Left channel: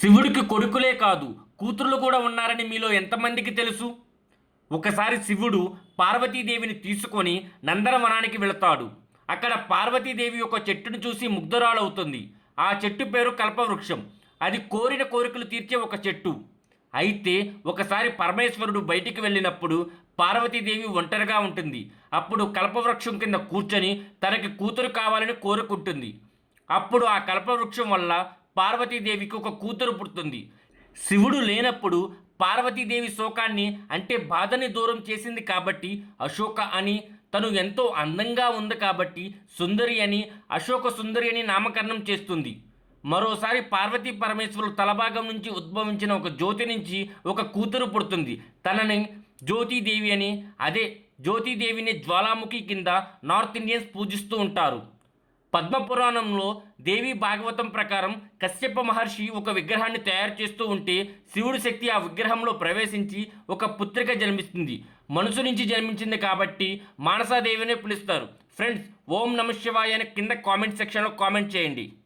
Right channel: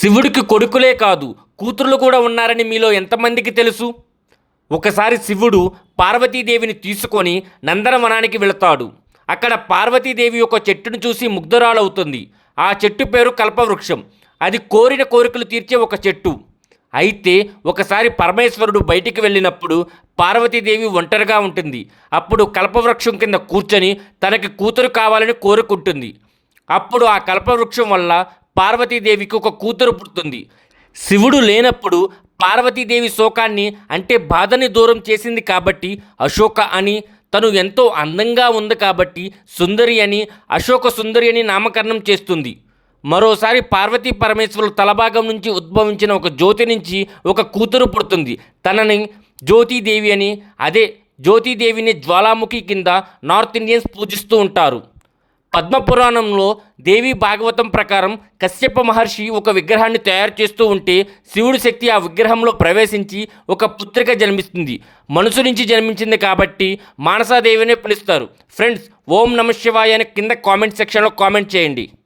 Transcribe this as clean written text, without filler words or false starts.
శివుడికి కొడుకులే కాదు కూతుర్లు కూడా ఉన్నారని మీలో ఎంతమందికి తెలుసు? ఒకసారి శివుడు పార్వతీదేవిని తీసుకొని నందనవనానికి వెళతాడు. అక్కడ పార్వతీదేవి ఒక చెట్టును చూసి ముగ్ధురాలవుతుంది. ఆ చెట్టు పేరు కల్పవృక్షం. అది కోరిన కోరికలు తీర్చే ఒక చెట్టు. అయితే ఒకసారి పరమేశ్వరుడు బయటికి వెళ్ళినప్పుడు పార్వతీదేవి ఒంటరిగా ఉంటుంది. అప్పుడు కల్పవృక్షం కింద కూర్చొని తనకి కూతురు కావాలని కోరుకుంటుంది. అప్పుడు ఆ కల్పవృక్షం వల్ల పార్వతీదేవికి ఒక కూతురు పుడుతుంది. శివుడు లేనప్పుడు పార్వతీదేవి శోకాన్ని అంటే బాధని దూరం చేసింది కాబట్టి అశోక అని, తను ఎంతో అందంగా ఉంది కాబట్టి సుందరి అని, అశోక సుందరి అని నామకరణం చేస్తుంది. మరోసారి పార్వతీ పరమేశ్వరుల తలభాగం నుంచి ఉద్భవించిన ఒక జ్యోతి నుంచి ఒక కూతురు పుడుతుంది. తనని జ్యోతిదేవి అని, అదే జ్యోతిదేవిని జ్వాలాముఖి కింద నార్త్ ఇండియన్స్ పూజిస్తూ ఉంటారు. పద్మపురాణంలో దేవి భాగవతం ప్రకారం కశ్యప మహర్షి ఒక విగ్రహాన్ని తయారు చేస్తూ ఉంటే శివుడి శక్తి ఆ విగ్రహంలో ప్రవేశించి ఒక పుత్రిక జన్మిస్తుంది. మనసు నుంచి జన్మించింది కాబట్టి మానసాదేవినే పిలుస్తారు. ఫ్రెండ్స్, ఓం నమ శివాయ అని కింద కామెంట్ సెక్షన్లో కామెంట్ చేయండి.